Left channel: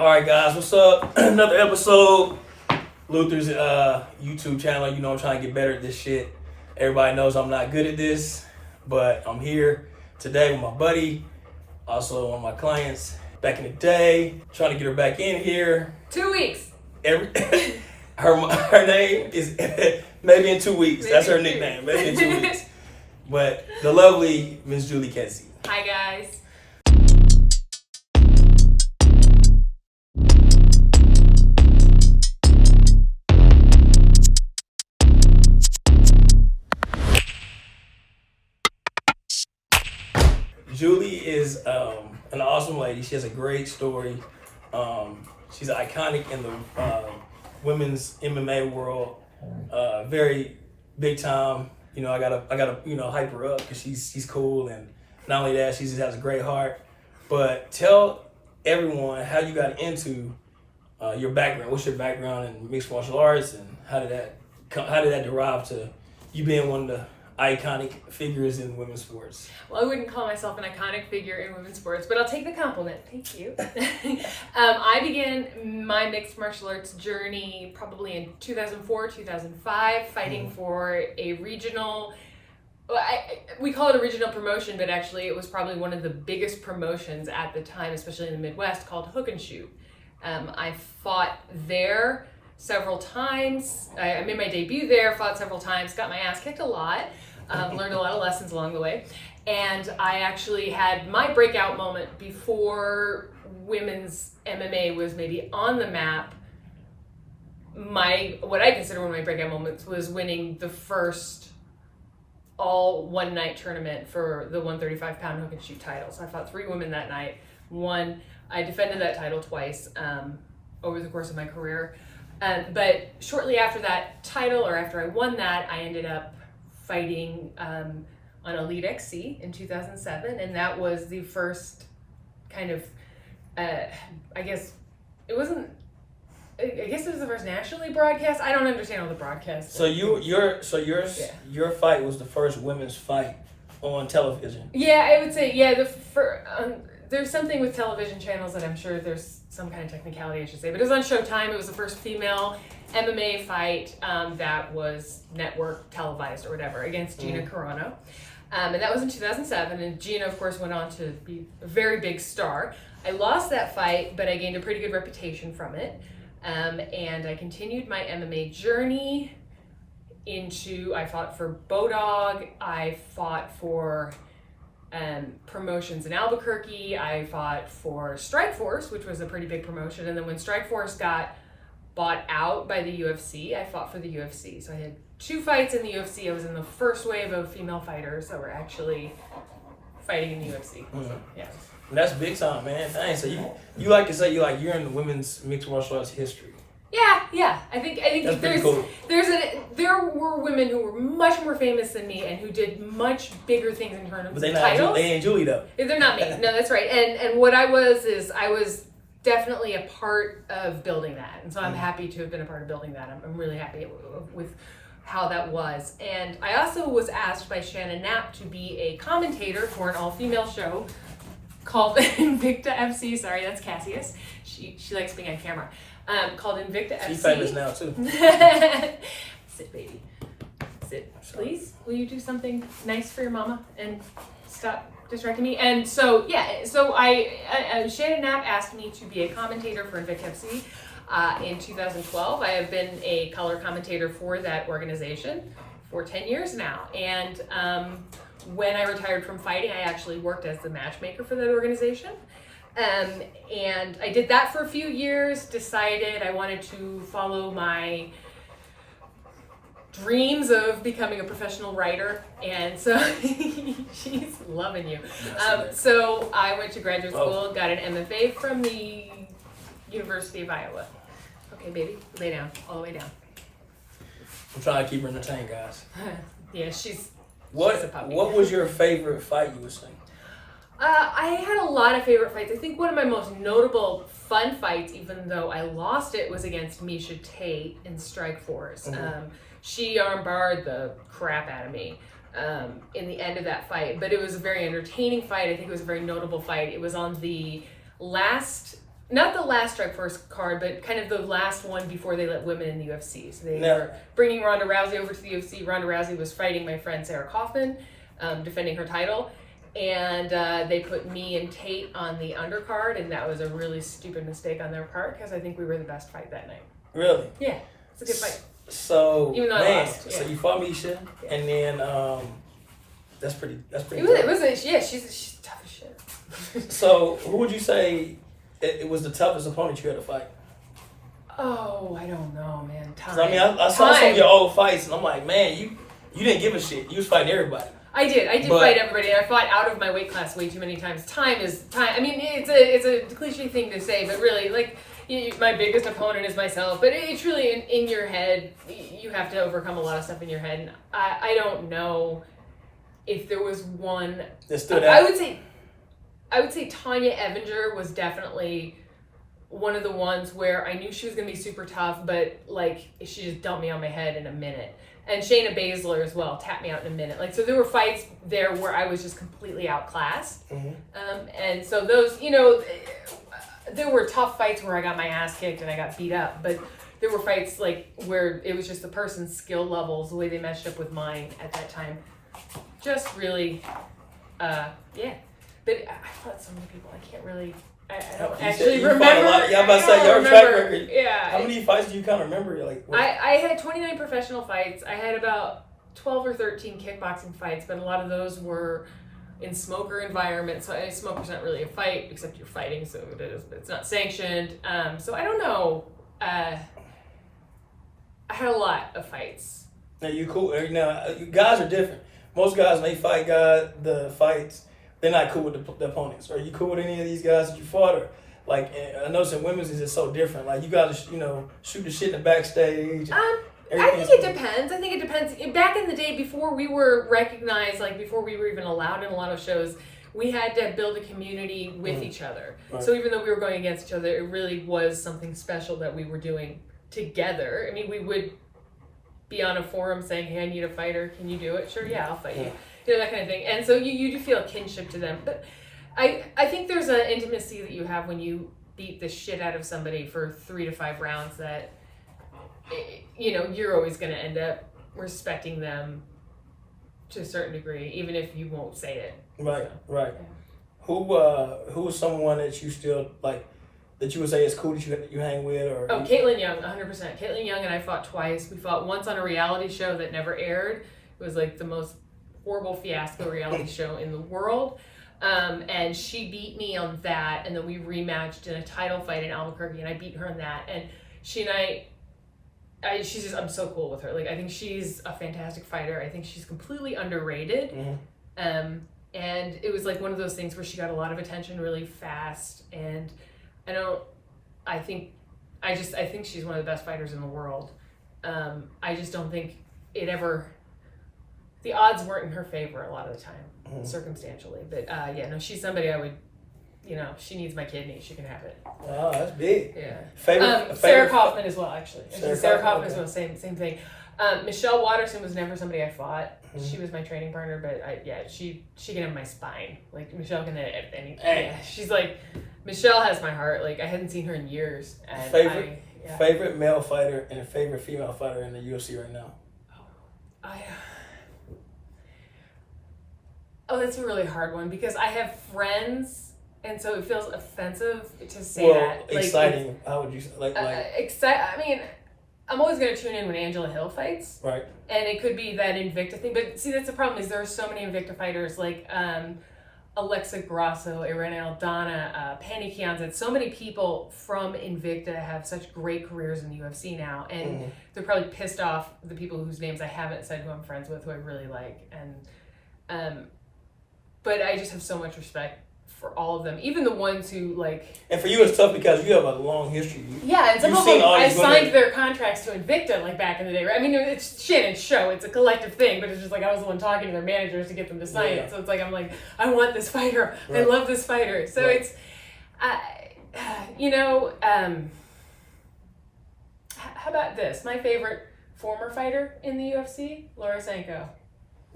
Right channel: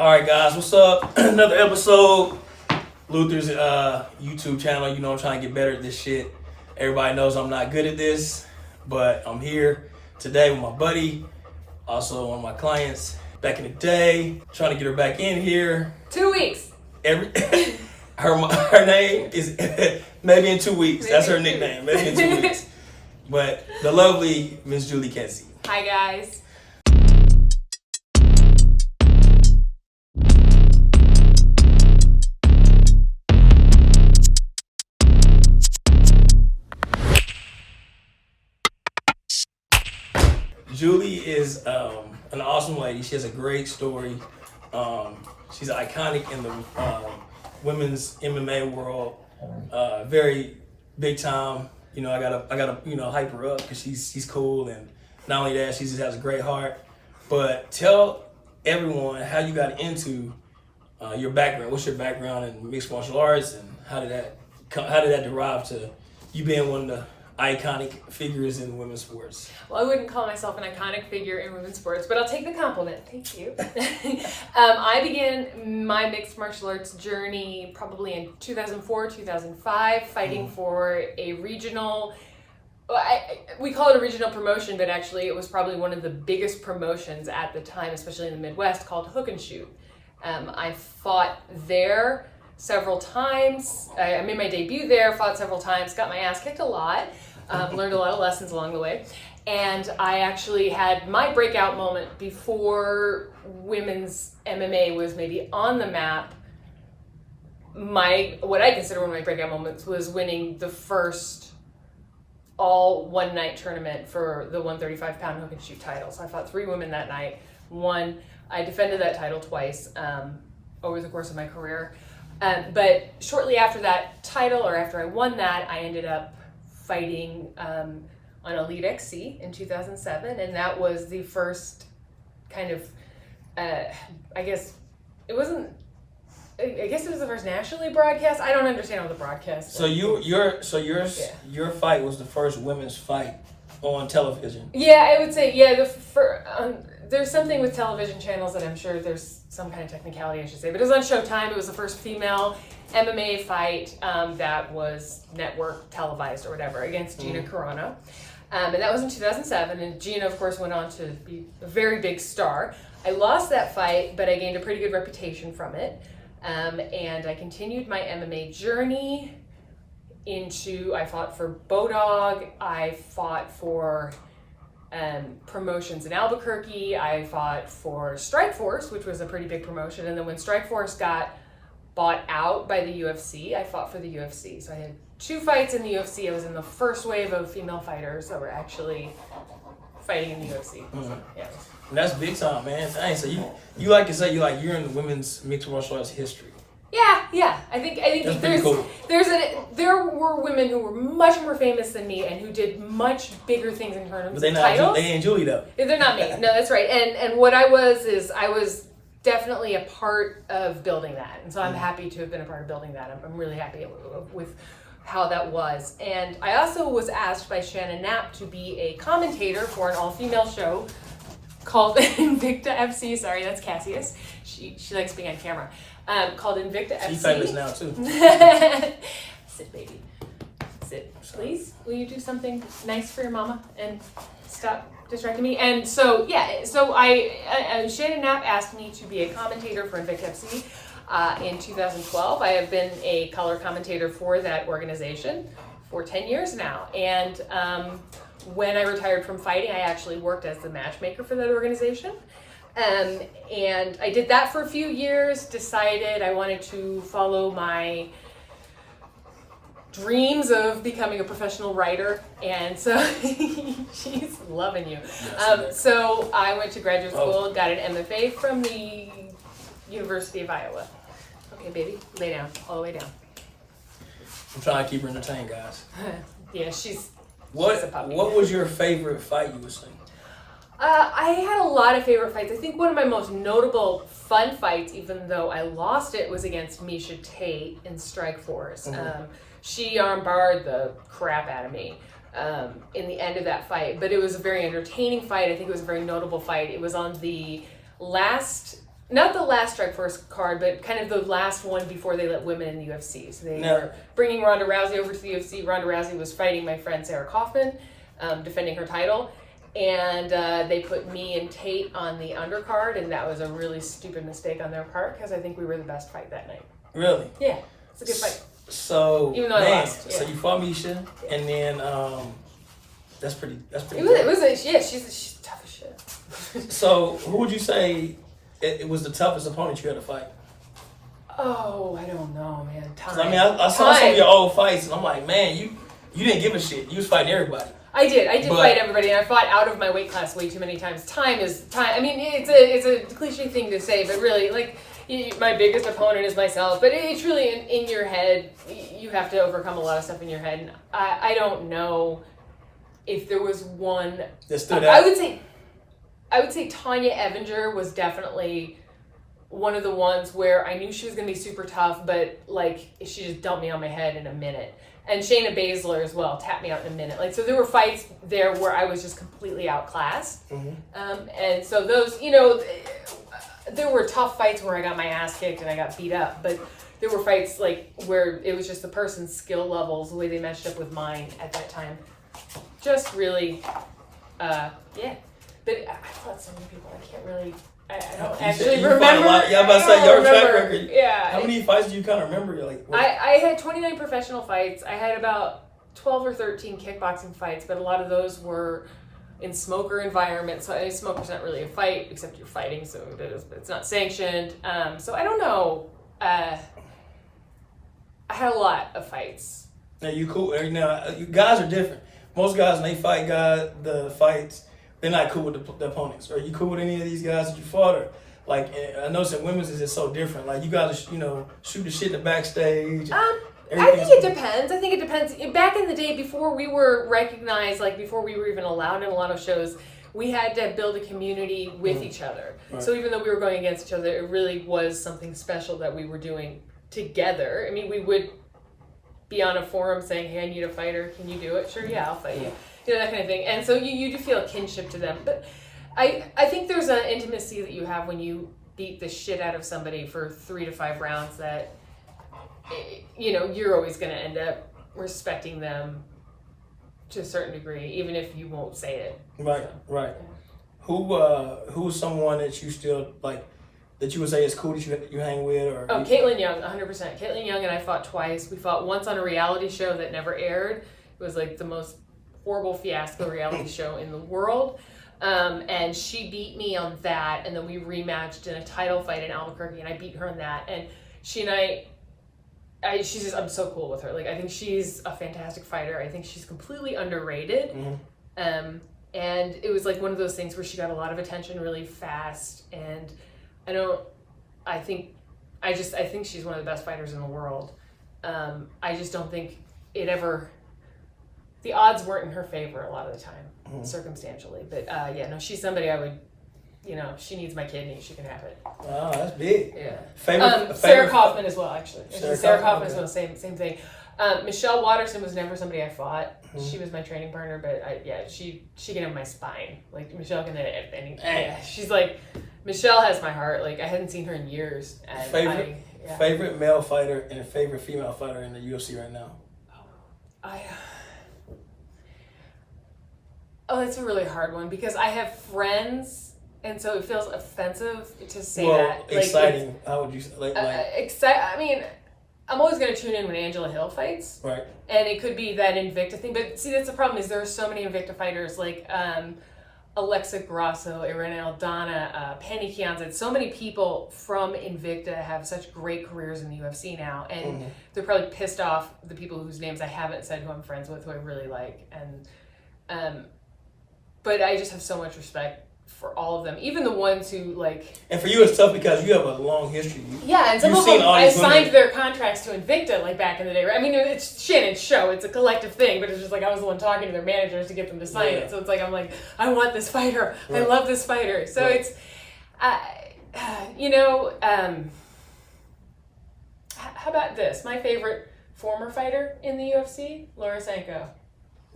All right, guys, what's up? Another episode. Luther's YouTube channel. You know I'm trying to get better at this shit. Everybody knows I'm not good at this, but I'm here today with my buddy, also one of my clients back in the day, trying to get her back in here. 2 weeks. Her name is maybe in 2 weeks. That's her nickname. Maybe in 2 weeks. But the lovely Miss Julie Kedzie. Hi, guys. Julie is an awesome lady. She has a great story. She's iconic in the women's MMA world. Very big time. You know, I gotta hype her up because she's cool, and not only that, she just has a great heart. But tell everyone how you got into your background. What's your background in mixed martial arts, and how did that derive to you being one of the iconic figures in women's sports? Well, I wouldn't call myself an iconic figure in women's sports, but I'll take the compliment. Thank you. I began my mixed martial arts journey probably in 2004, 2005, fighting for a regional, we call it a regional promotion, but actually it was probably one of the biggest promotions at the time, especially in the Midwest, called Hook and Shoot. I fought there several times. I made my debut there, fought several times, got my ass kicked a lot, learned a lot of lessons along the way. And I actually had my breakout moment before women's MMA was maybe on the map. What I consider one of my breakout moments was winning the first all one night tournament for the 135-pound hook and shoot title. So I fought 3 women that night, won. I defended that title twice over the course of my career. But shortly after that title, or after I won that, I ended up fighting on Elite XC in 2007, and that was the first kind of, I guess it was the first nationally broadcast. I don't understand all the broadcasts. So your fight was the first women's fight on television. Yeah, I would say there's something with television channels that I'm sure there's some kind of technicality I should say, but it was on Showtime. It was the first female MMA fight that was network televised or whatever against Gina Carano. And that was in 2007, and Gina, of course, went on to be a very big star. I lost that fight, but I gained a pretty good reputation from it. And I continued my MMA journey I fought for Bodog, I fought for promotions in Albuquerque, I fought for Strikeforce, which was a pretty big promotion, and then when Strikeforce got bought out by the UFC, I fought for the UFC. So I had 2 fights in the UFC. I was in the first wave of female fighters that were actually fighting in the UFC. Mm-hmm. So, yeah. That's big time, man. Dang, so you like to say you're in the women's mixed martial arts history. Yeah. I think that's pretty cool. There were women who were much more famous than me and who did much bigger things in terms of titles. They ain't Julie though. They're not me. No, that's right. And what I was definitely a part of building that, and so I'm happy to have been a part of building that. I'm really happy with how that was. And I also was asked by Shannon Knapp to be a commentator for an all-female show called Invicta FC. Sorry, that's Cassius. She likes being on camera. Called Invicta FC. She's famous now too. Sit, baby. Sit, please. Will you do something nice for your mama and stop distracting me? And so Shannon Knapp asked me to be a commentator for Invicta FC in 2012. I have been a color commentator for that organization for 10 years now. And when I retired from fighting, I actually worked as the matchmaker for that organization. And I did that for a few years, decided I wanted to follow my dreams of becoming a professional writer, and so she's loving you. So I went to graduate school, got an MFA from the University of Iowa. Okay, baby, lay down, all the way down. I'm trying to keep her entertained, guys. Yeah, she's What was your favorite fight you were seeing? I had a lot of favorite fights. I think one of my most notable fun fights, even though I lost it, was against Misha Tate in Strikeforce. She armbarred the crap out of me in the end of that fight, but it was a very entertaining fight. I think it was a very notable fight. It was on the last not the last Strike Force card, but kind of the last one before they let women in the UFC. So they were bringing Ronda Rousey over to the UFC. Ronda Rousey was fighting my friend Sarah Kaufman, defending her title. And they put me and Tate on the undercard, and that was a really stupid mistake on their part because I think we were the best fight that night. Really? Yeah, it's a good fight. So, even though I lost, so you fought Misha, and then that's pretty. It was she's tough as shit. So, who would you say it was the toughest opponent you had to fight? Oh, I don't know, man. Time. I mean, I saw some of your old fights, and I'm like, man, you didn't give a shit. You was fighting everybody. I did fight everybody, and I fought out of my weight class way too many times. Time is time. I mean, it's a cliche thing to say, but really, like, my biggest opponent is myself. But it's really in your head. You have to overcome a lot of stuff in your head. And I don't know if there was one that stood out. I would say Tanya Evinger was definitely one of the ones where I knew she was going to be super tough, but like she just dumped me on my head in a minute. And Shayna Baszler as well tapped me out in a minute. Like, so there were fights there where I was just completely outclassed. Mm-hmm. And so those, there were tough fights where I got my ass kicked and I got beat up. But there were fights like where it was just the person's skill levels, the way they matched up with mine at that time. Just really, yeah. But I fought so many people. I can't really. I don't actually remember. Fought a lot. Yeah, I'm about to say your track record. Yeah. How many fights do you kind of remember? You're like, I had 29 professional fights. I had about 12 or 13 kickboxing fights, but a lot of those were in smoker environments. So smoker's not really a fight, except you're fighting, so it is, but it's not sanctioned. So I don't know. I had a lot of fights. Now you cool. Now you guys are different. Most guys, when they fight the fights, they're not cool with the opponents. Are you cool with any of these guys that you fought? Or like, I noticed in women's is just so different. Like, you guys, shoot the shit in the backstage. I think it depends. Back in the day, before we were recognized, like before we were even allowed in a lot of shows, we had to build a community with each other. Right. So even though we were going against each other, it really was something special that we were doing together. I mean, we would be on a forum saying, hey, I need a fighter. Can you do it? Sure, yeah, I'll fight you. That kind of thing. And so you do feel a kinship to them. But I think there's an intimacy that you have when you beat the shit out of somebody for 3 to 5 rounds that, you're always going to end up respecting them to a certain degree, even if you won't say it. Right, so, right. Yeah. Who's someone that you still, like, that you would say is cool that you hang with? Or Caitlin Young, 100%. Caitlin Young and I fought twice. We fought once on a reality show that never aired. It was like the most horrible fiasco reality show in the world, and she beat me on that, and then we rematched in a title fight in Albuquerque, and I beat her in that. And she and I'm so cool with her. Like, I think she's a fantastic fighter. I think she's completely underrated. Mm-hmm. And it was like one of those things where she got a lot of attention really fast, and I think she's one of the best fighters in the world. I just don't think the odds weren't in her favor a lot of the time, circumstantially. But she's somebody I would, she needs my kidney. She can have it. Oh, that's big. Yeah. Favorite Sarah Kaufman as well, actually. Sarah Kaufman as okay. well, same thing. Michelle Waterson was never somebody I fought. Mm-hmm. She was my training partner, but she can have my spine. Like, Michelle can have anything. Yeah, she's like, Michelle has my heart. Like, I hadn't seen her in years. And favorite male fighter and a favorite female fighter in the UFC right now? That's a really hard one because I have friends, and so it feels offensive to say that. Like, exciting. How would you say? I mean, I'm always going to tune in when Angela Hill fights. Right. And it could be that Invicta thing. But see, that's the problem is there are so many Invicta fighters like Alexa Grasso, Irene Aldana, Penny Kianzad. So many people from Invicta have such great careers in the UFC now. And they're probably pissed off the people whose names I haven't said who I'm friends with, who I really like. And but I just have so much respect for all of them, even the ones who like. And for you, it's tough because you have a long history. And some of them I signed their contracts to Invicta like back in the day. Right? I mean, it's Shannon's show; it's a collective thing. But it's just like I was the one talking to their managers to get them to sign it. So it's like I'm like, I want this fighter. Right. I love this fighter. So it's, how about this? My favorite former fighter in the UFC, Laura Sanko.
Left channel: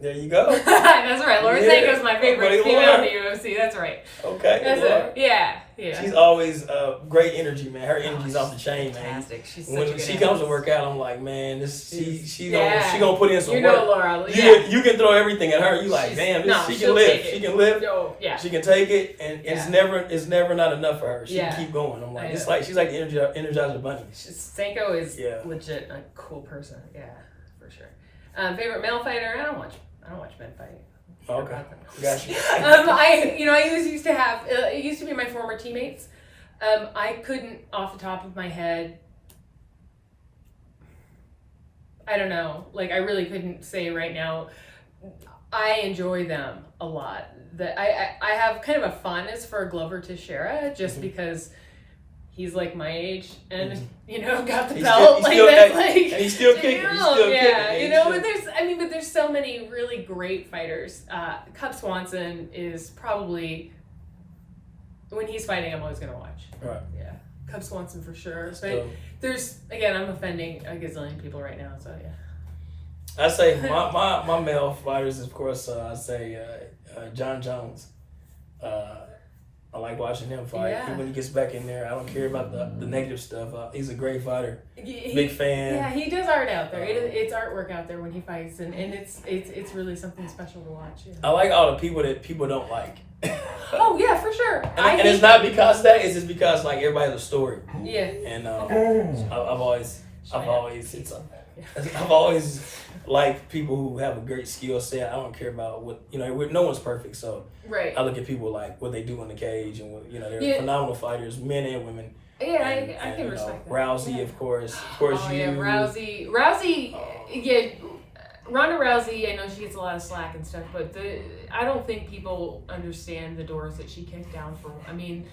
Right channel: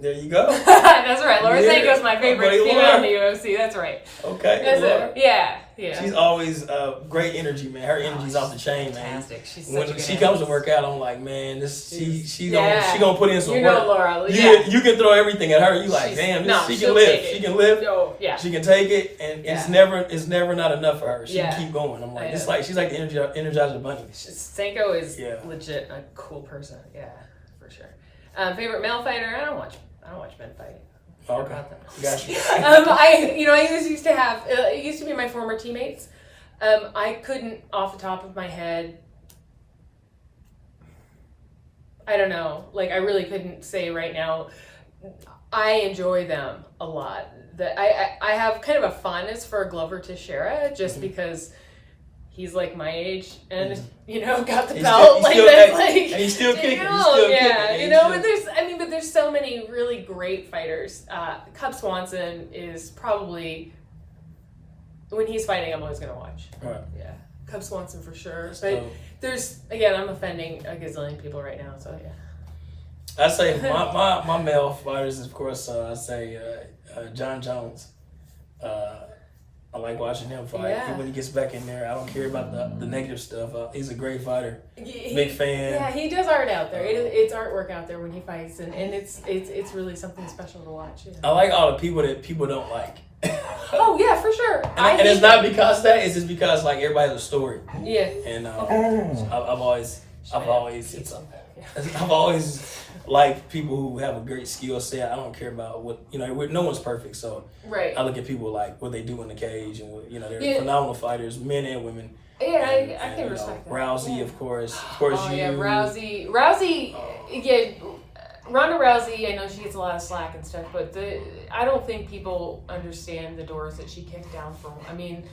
There you go. That's right. Laura Sanko's my favorite female in the UFC. That's right. Okay. That's it. Yeah. Yeah. She's always great energy, man. Her energy's off the chain, man. Fantastic. She's When such a she good comes to actress. work out, I'm like, man, she Yeah. gonna put in some You know work. Laura. You can throw everything at her. You like, damn, she she'll can lift. take it. She can lift. No, yeah. She can take it, and it's never not enough for her. She Yeah. can keep going. I'm like, I it's know. like she's like the Energizer Bunny. Sanko is Yeah. legit a cool person. Yeah, for sure. Favorite male fighter? I don't watch men fight. Okay, gotcha. I used to have. It used to be my former teammates. I couldn't, off the top of my head. I don't know. Like, I really couldn't say right now. I enjoy them a lot. That I have kind of a fondness for Glover Teixeira just because he's like my age and got the belt. And he's still kicking. He's still kicking. But there's so many really great fighters. Cub Swanson is probably, when he's fighting, I'm always gonna watch. Right. Yeah, Cub Swanson for sure. But So, there's, again, I'm offending a gazillion people right now, so yeah. I say my male fighters, of course. I say John Jones. I like watching him fight. Yeah. Even when he gets back in there, I don't care about the negative stuff. He's a great fighter. Big fan. Yeah, he does art out there. It's artwork out there when he fights, and it's really something special to watch. Yeah. I like all the people that people don't like. Oh yeah, for sure. And it's not because of that. It's just because like everybody has a story. Yeah. And I've always liked people who have a great skill set. I don't care about what no one's perfect, so right. I look at people like what they do in the cage, and they're phenomenal fighters, men and women. Yeah, and, I can respect that. Rousey, yeah. of course, yeah, Rousey. Yeah, Ronda Rousey. I know she gets a lot of slack and stuff, but I don't think people understand the doors that she kicked down for. I mean,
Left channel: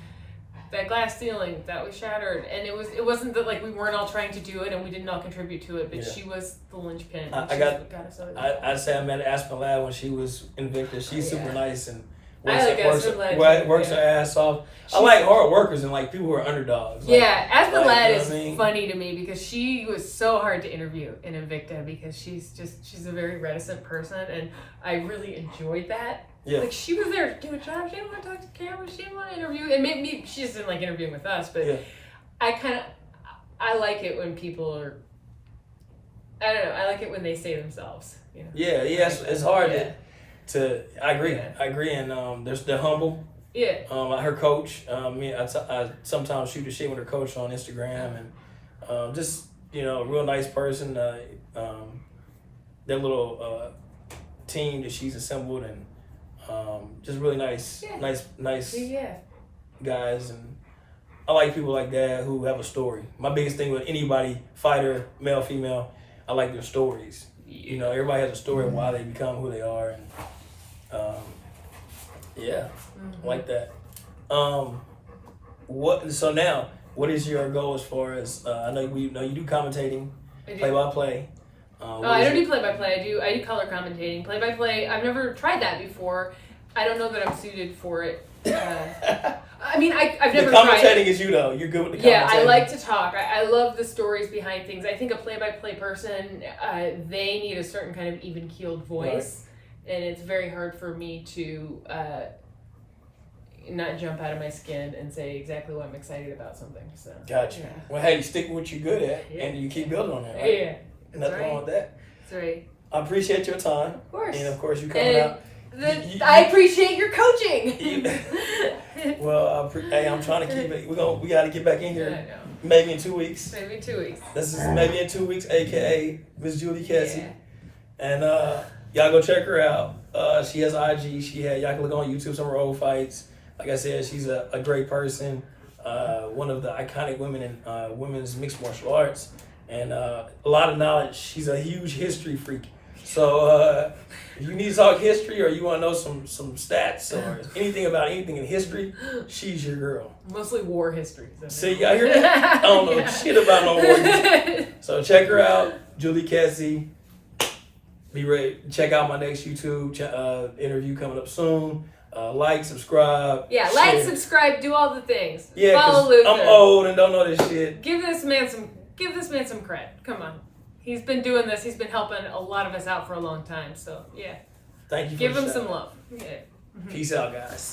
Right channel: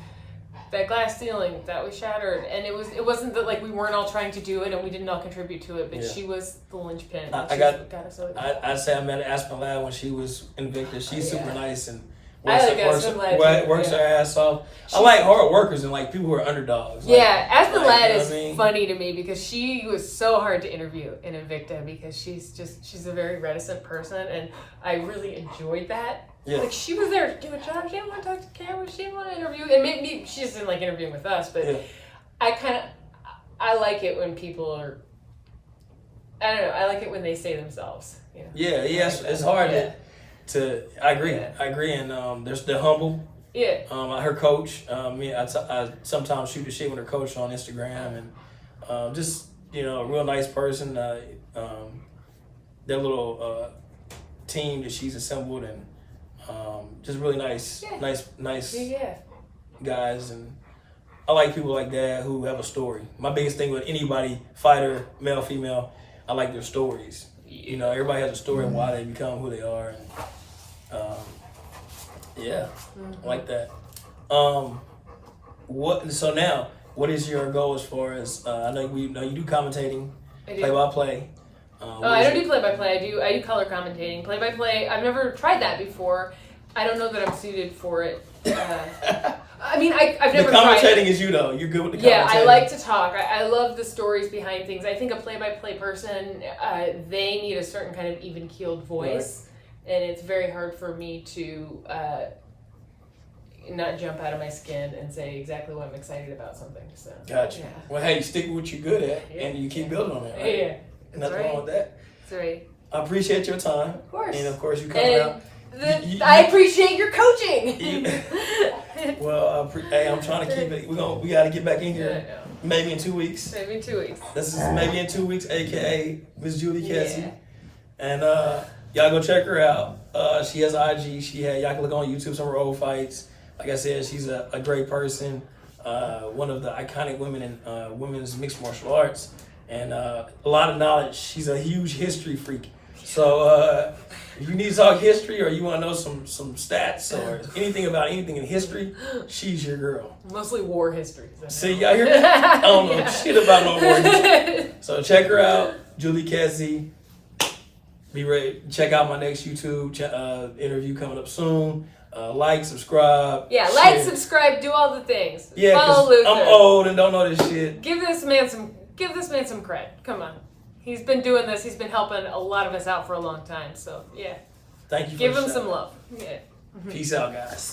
that glass ceiling that was shattered, and it wasn't that like we weren't all trying to do it and we didn't all contribute to it, but she was the linchpin. I say I met Aspen Ladd when she was Invicta. She's super nice and works her ass off. I like hard workers and like people who are underdogs. Aspen Ladd is funny to me because she was so hard to interview in Invicta because she's a very reticent person, and I really enjoyed that. Yeah. Like, she was there to do a job. She didn't want to talk to camera. She didn't want to interview. And maybe she just didn't like interviewing with us. But I like it when people are, I don't know, I like it when they say themselves. Yeah, it's hard to I agree. Yeah. I agree. And they're humble. Yeah. Her coach, I sometimes shoot the shit with her coach on Instagram. And just, a real nice person. Their little team that she's assembled, and just really nice guys, and I like people like that who have a story. My biggest thing with anybody, fighter, male, female, I like their stories. Everybody has a story of why they become who they are, and I like that. What is your goal as far as I know you do commentating, play-by-play. I don't do play-by-play. I do color commentating. Play-by-play, I've never tried that before. I don't know that I'm suited for it. I've never the commentating is you though. You're good with the commentating. Yeah, I like to talk. I love the stories behind things. I think a play-by-play person, they need a certain kind of even-keeled voice, and it's very hard for me to not jump out of my skin and say exactly what I'm excited about something. So. Gotcha. Yeah. Well, hey, stick with what you're good at, and you keep building on that, right? Yeah. Nothing wrong with that. That's right. I appreciate your time. Of course. And of course, you coming out. I appreciate your coaching. Well, I'm trying to keep it. We got to get back in here. Yeah, I know. Maybe in 2 weeks. Maybe in 2 weeks. This is maybe in 2 weeks, aka Miss Julie Kedzie. And y'all go check her out. She has IG. Y'all can look on YouTube some of her old fights. Like I said, she's a great person. One of the iconic women in women's mixed martial arts. And a lot of knowledge. She's a huge history freak. So if you need to talk history or you want to know some stats or anything about anything in history, she's your girl. Mostly war history. See, y'all hear that? I don't know shit about no war history. So check her out, Julie Kedzie. Be ready. Check out my next YouTube interview coming up soon. Like, subscribe. Yeah, like, subscribe, do all the things. Yeah, because I'm old and don't know this shit. Give this man some cred. Come on. He's been doing this. He's been helping a lot of us out for a long time. So, yeah. Thank you for Give him some love. Yeah. Peace out, guys.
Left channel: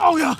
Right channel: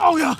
Oh yeah.